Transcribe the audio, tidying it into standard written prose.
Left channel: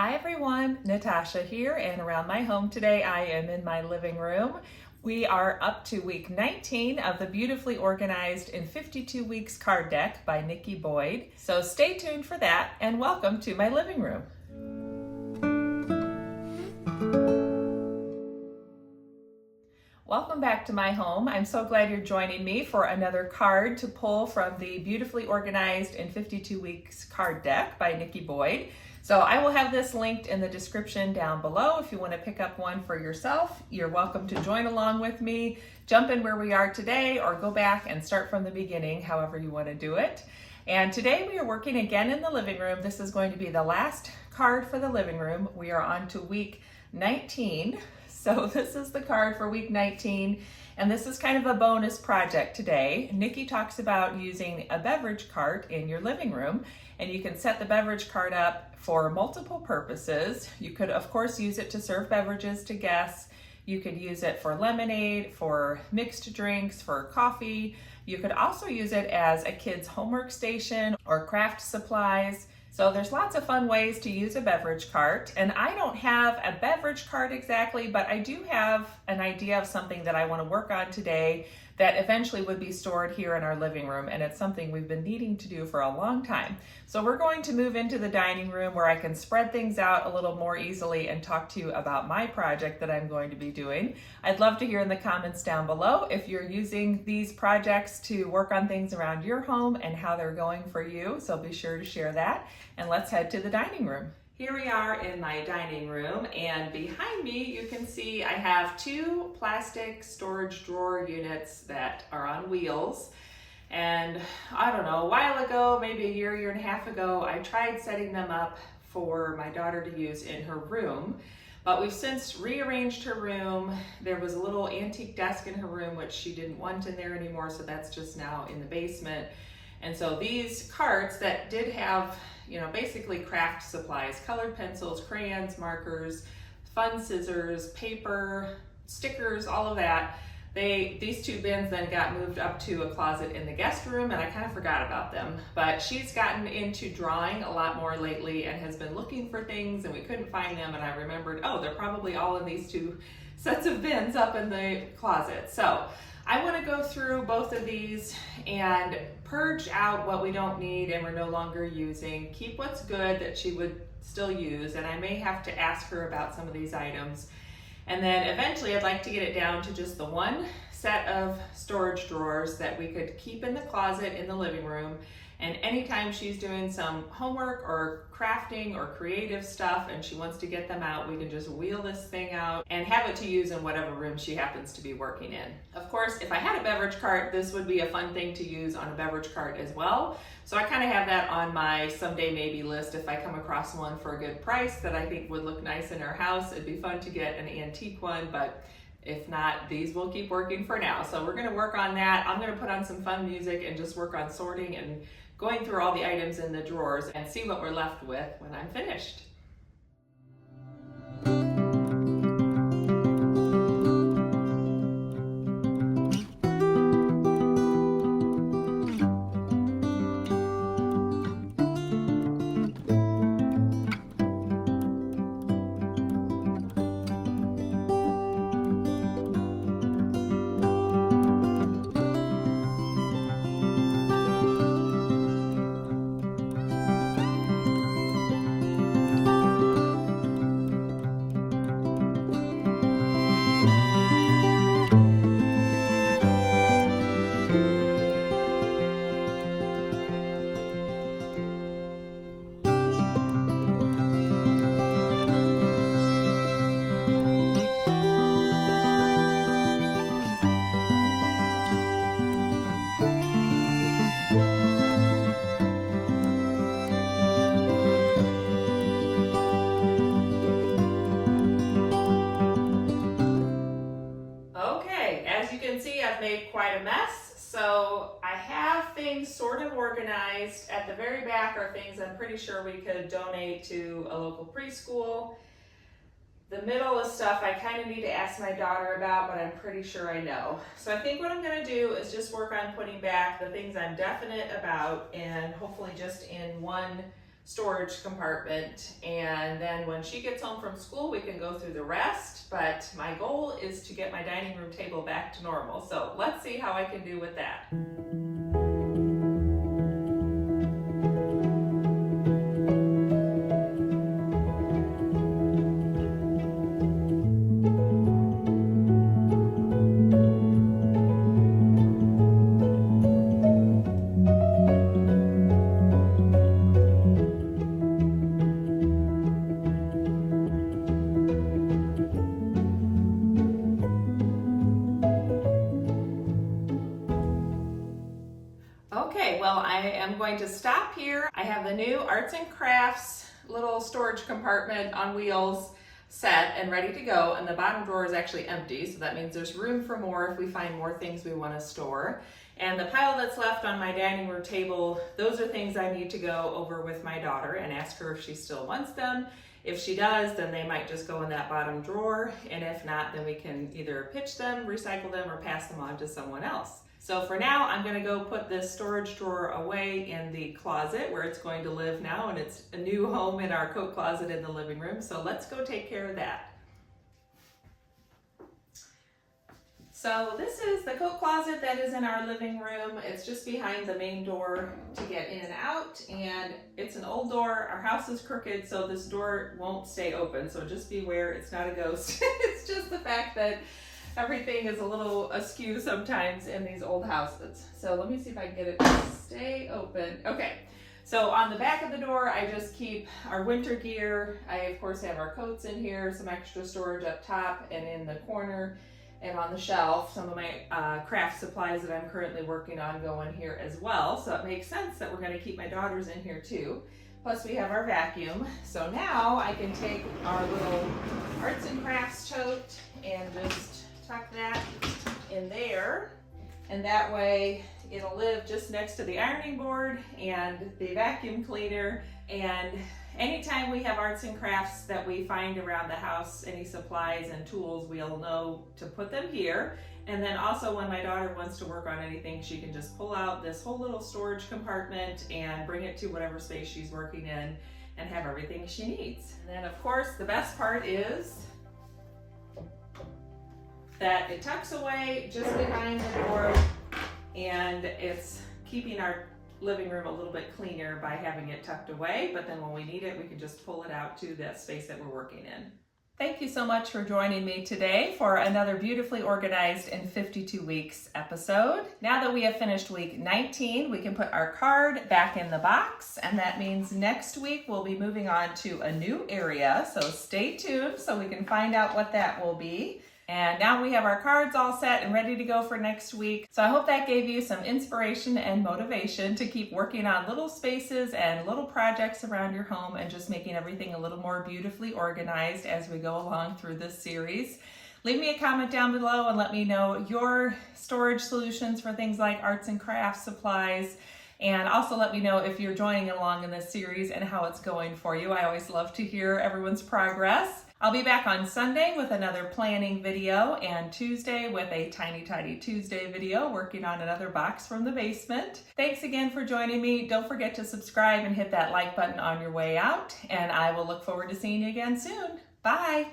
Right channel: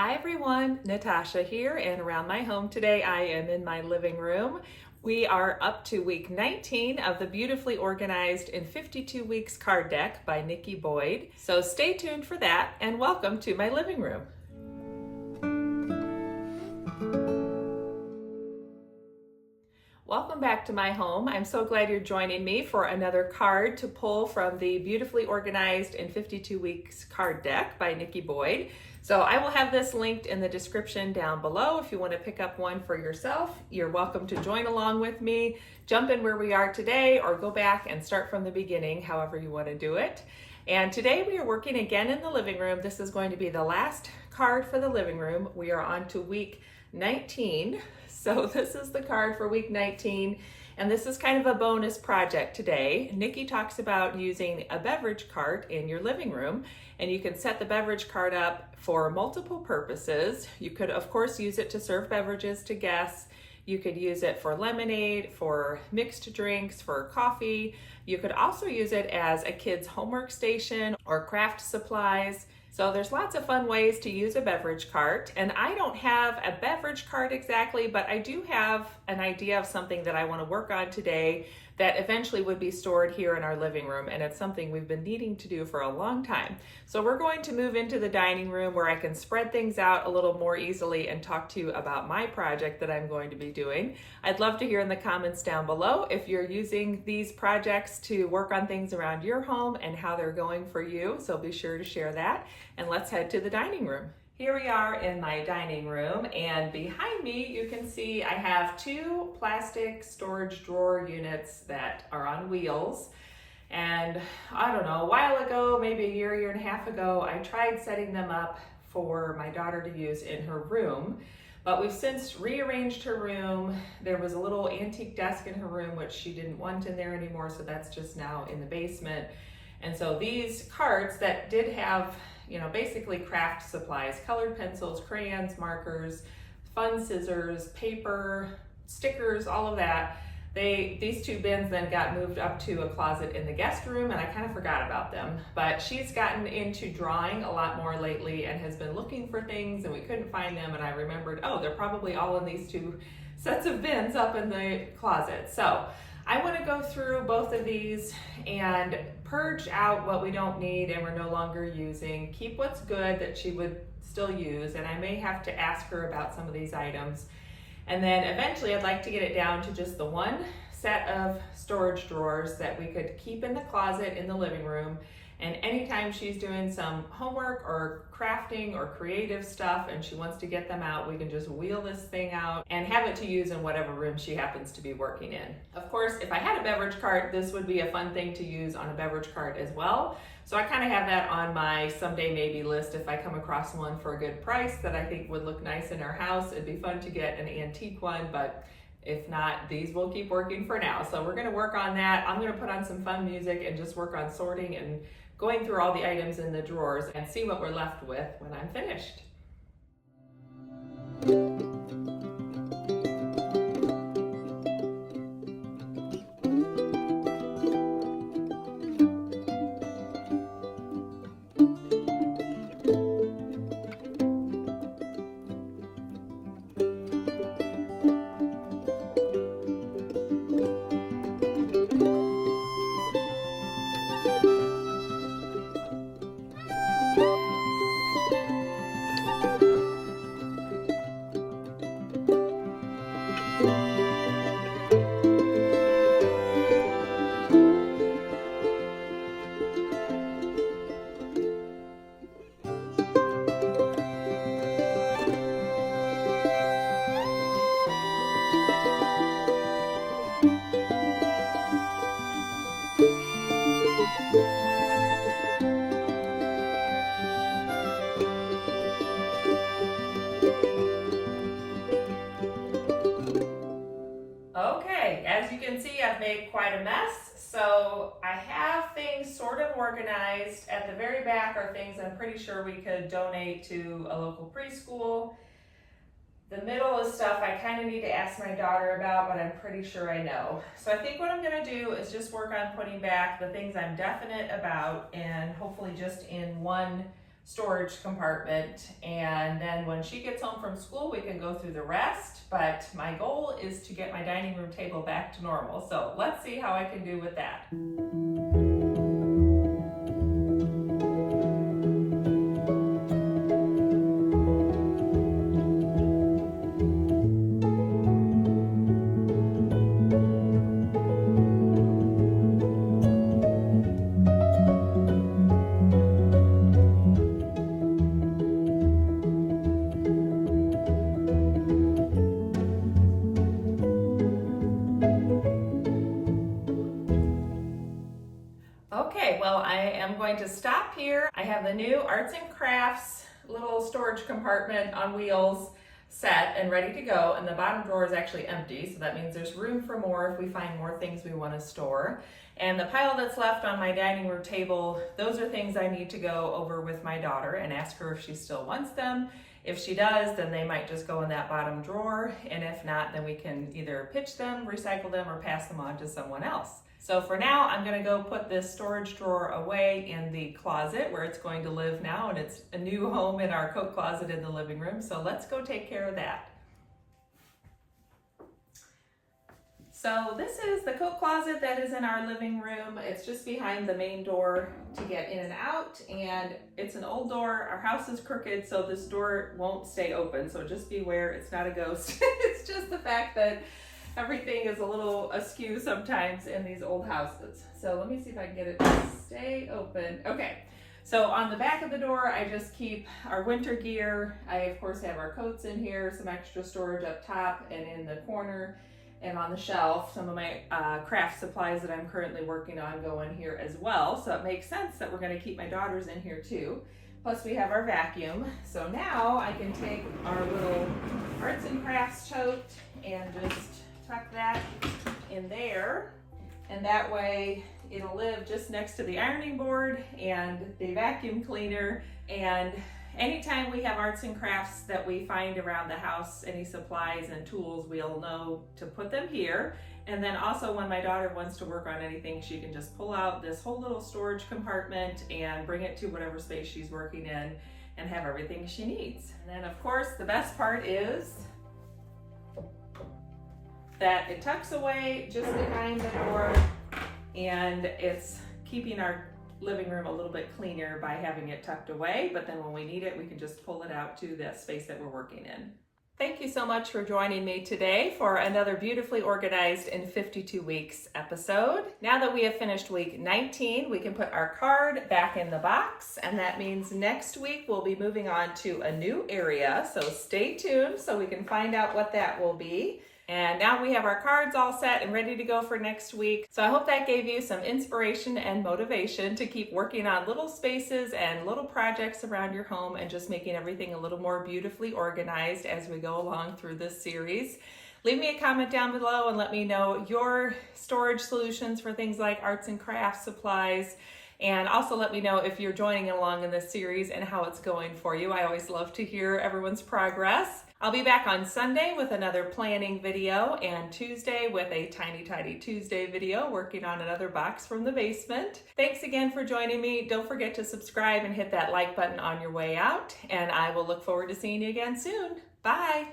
Hi everyone, Natasha here, and around my home today I am in my living room. We are up to week 19 of the Beautifully Organized in 52 Weeks card deck by Nikki Boyd. So stay tuned for that and welcome to my living room. Welcome back to my home. I'm so glad you're joining me for another card to pull from the Beautifully Organized in 52 Weeks card deck by Nikki Boyd. So I will have this linked in the description down below. If you want to pick up one for yourself, you're welcome to join along with me, jump in where we are today, or go back and start from the beginning, however you want to do it. And today we are working again in the living room. This is going to be the last card for the living room. We are on to week 19. So this is the card for week 19, and this is kind of a bonus project today. Nikki talks about using a beverage cart in your living room, and you can set the beverage cart up for multiple purposes. You could, of course, use it to serve beverages to guests. You could use it for lemonade, for mixed drinks, for coffee. You could also use it as a kid's homework station or craft supplies. So there's lots of fun ways to use a beverage cart, and I don't have a beverage cart exactly, but I do have an idea of something that I want to work on today that eventually would be stored here in our living room, and it's something we've been needing to do for a long time. So we're going to move into the dining room where I can spread things out a little more easily and talk to you about my project that I'm going to be doing. I'd love to hear in the comments down below if you're using these projects to work on things around your home and how they're going for you, so be sure to share that. And let's head to the dining room. Here we are in my dining room, and behind me you can see I have two plastic storage drawer units that are on wheels. And I don't know, a while ago, maybe a year and a half ago, I tried setting them up for my daughter to use in her room, but we've since rearranged her room. There was a little antique desk in her room which she didn't want in there anymore, so that's just now in the basement. And so these carts that did have, basically craft supplies, colored pencils, crayons, markers, fun scissors, paper, stickers, all of that. These two bins then got moved up to a closet in the guest room, and I kind of forgot about them. But she's gotten into drawing a lot more lately and has been looking for things, and we couldn't find them, and I remembered, oh, they're probably all in these two sets of bins up in the closet. So I want to go through both of these and purge out what we don't need and we're no longer using, keep what's good that she would still use, and I may have to ask her about some of these items. And then eventually I'd like to get it down to just the one set of storage drawers that we could keep in the closet in the living room. And anytime she's doing some homework or crafting or creative stuff and she wants to get them out, we can just wheel this thing out and have it to use in whatever room she happens to be working in. Of course, if I had a beverage cart, this would be a fun thing to use on a beverage cart as well. So I kind of have that on my someday maybe list. If I come across one for a good price that I think would look nice in our house, it'd be fun to get an antique one, but if not, these will keep working for now. So we're gonna work on that. I'm gonna put on some fun music and just work on sorting and going through all the items in the drawers and see what we're left with when I'm finished. Okay, as you can see, I've made quite a mess. So I have things sort of organized. At the very back are things I'm pretty sure we could donate to a local preschool. The middle is stuff I kind of need to ask my daughter about, but I'm pretty sure I know. So I think what I'm going to do is just work on putting back the things I'm definite about and hopefully just in one storage compartment, and then when she gets home from school we can go through the rest, but my goal is to get my dining room table back to normal. So let's see how I can do with that. Okay, well, I am going to stop here. I have the new Arts and Crafts little storage compartment on wheels set and ready to go, and the bottom drawer is actually empty, so that means there's room for more if we find more things we want to store. And the pile that's left on my dining room table, those are things I need to go over with my daughter and ask her if she still wants them. If she does, then they might just go in that bottom drawer, and if not, then we can either pitch them, recycle them, or pass them on to someone else. So for now, I'm gonna go put this storage drawer away in the closet where it's going to live now, and it's a new home in our coat closet in the living room. So let's go take care of that. So this is the coat closet that is in our living room. It's just behind the main door to get in and out, and it's an old door. Our house is crooked, so this door won't stay open. So just beware, it's not a ghost. It's just the fact that everything is a little askew sometimes in these old houses. So let me see if I can get it to stay open. Okay, so on the back of the door, I just keep our winter gear. I, of course, have our coats in here, some extra storage up top and in the corner and on the shelf. Some of my craft supplies that I'm currently working on go in here as well. So it makes sense that we're gonna keep my daughters in here too. Plus we have our vacuum. So now I can take our little Arts and Crafts tote and just tuck that in there, and that way it'll live just next to the ironing board and the vacuum cleaner. And anytime we have arts and crafts that we find around the house, any supplies and tools, we'll know to put them here. And then also when my daughter wants to work on anything, she can just pull out this whole little storage compartment and bring it to whatever space she's working in and have everything she needs. And then of course the best part is that it tucks away just behind the door, and it's keeping our living room a little bit cleaner by having it tucked away, but then when we need it, we can just pull it out to that space that we're working in. Thank you so much for joining me today for another beautifully organized in 52 weeks episode. Now that we have finished week 19, we can put our card back in the box, and that means next week we'll be moving on to a new area, so stay tuned so we can find out what that will be. And now we have our cards all set and ready to go for next week. So I hope that gave you some inspiration and motivation to keep working on little spaces and little projects around your home and just making everything a little more beautifully organized as we go along through this series. Leave me a comment down below and let me know your storage solutions for things like arts and crafts supplies. And also let me know if you're joining along in this series and how it's going for you. I always love to hear everyone's progress. I'll be back on Sunday with another planning video, and Tuesday with a Tiny Tidy Tuesday video working on another box from the basement. Thanks again for joining me. Don't forget to subscribe and hit that like button on your way out, and I will look forward to seeing you again soon. Bye.